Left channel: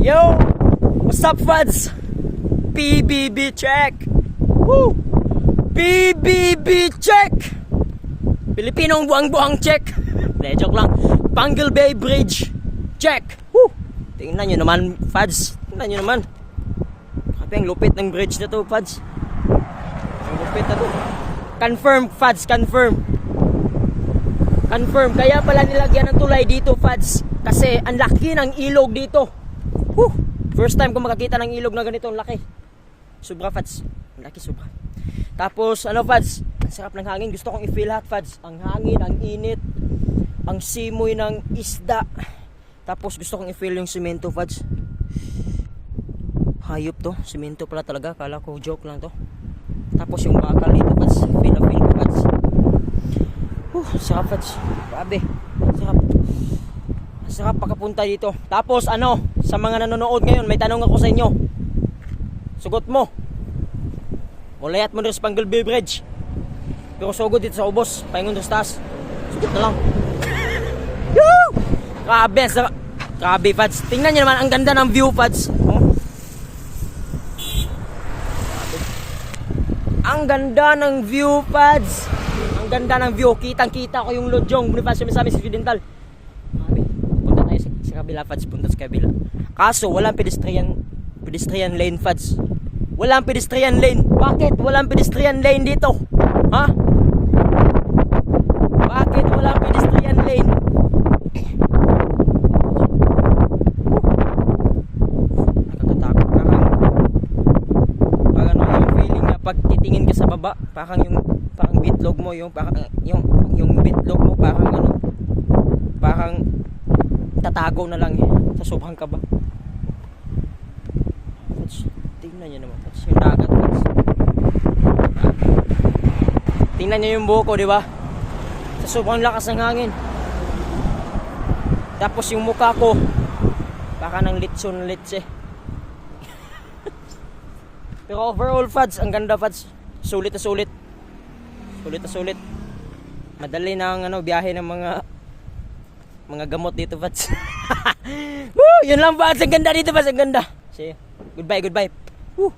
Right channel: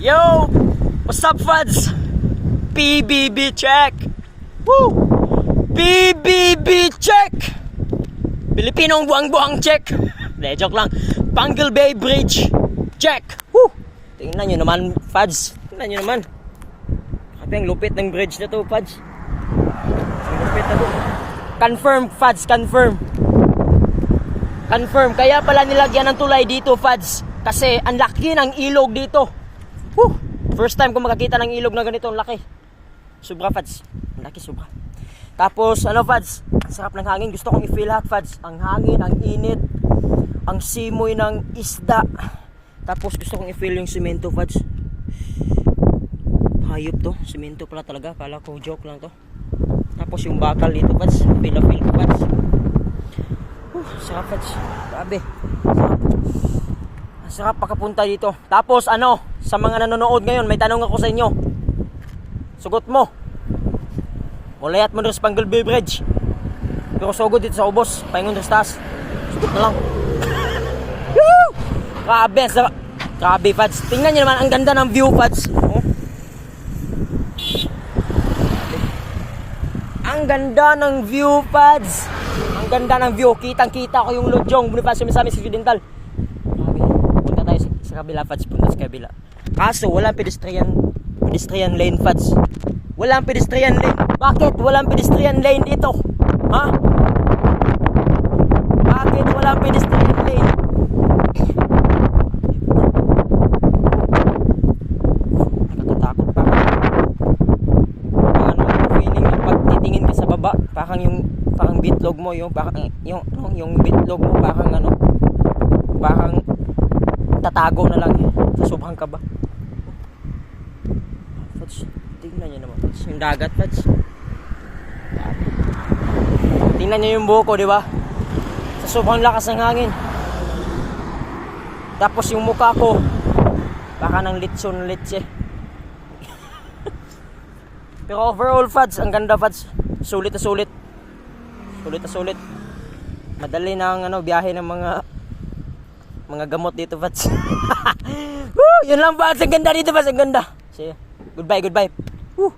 Yo! What's up, Fads? PBB check! Woo! PBB check! Pilipinong buang-buang check! De, joke lang. Pangle Bay Bridge check! Woo! Tingnan nyo naman, Fads. Tingnan nyo naman. Kasi ang lupit ng bridge na to, Fads. Ang lupit na to. Confirm, Fads, confirm. Confirm. Kaya pala nilagyan ng tulay dito, Fads. Kasi ang laki ng ilog dito. Woo! First time ko makakita ng ilog na ganito, ang laki. Sobra, Fads. Ang laki, sobra. Tapos, ano, Fads? Ang sarap ng hangin. Gusto kong i-feel lahat, Fads. Ang hangin, ang init, ang simoy ng isda. Tapos, gusto kong i-feel yung simento, Fads. Hayop to. Simento pala talaga. Kala ko joke lang to. Tapos, yung bakal dito, Fads. Feel ko, Fads. Sarap, Fads. Grabe. Sarap. Sarap pagkapunta dito. Tapos ano, sa mga nanonood ngayon, may tanong ako sa inyo. Sugot mo. Mulayat mo rin sa Pangle Bay Bridge. Pero sugod dito sa ubos. Paingon rin sa taas. Sugot na lang. Grabe, sarap. Grabe, Fads. Tingnan nyo naman, ang ganda ng view, Fads. Oh. Ang ganda ng view, Fads. Ang ganda ng view. Kitang-kita ko yung Lodjong Bonifacio Misamis Occidental. Sa kabila, Fads, punta sa kabila. Kaso walang pedestrian lane, Fads. Walang pedestrian lane. Bakit walang pedestrian lane dito? Ha? Bakit walang pedestrian lane? Nakakatakot pa. Parang ano yung feeling ng pagtitingin ka sa baba, parang bitlog mo, yung bitlog mo parang tatago na lang sa sobrang kaba. Tingnan nyo naman, Fads. Yung dagat, Fads. Tingnan nyo yung buhok ko, di ba? Sa sobrang lakas ng hangin. Tapos yung mukha ko, baka ng litson-litse. Pero overall, Fads, ang ganda, Fads. Sulit na sulit. Sulit na sulit. Madali na ang biyahe ng mga gamot dito, Fads. Woo! Yun lang, Fads. Ang ganda dito, Fads. Ang ganda. See? Goodbye. Woo!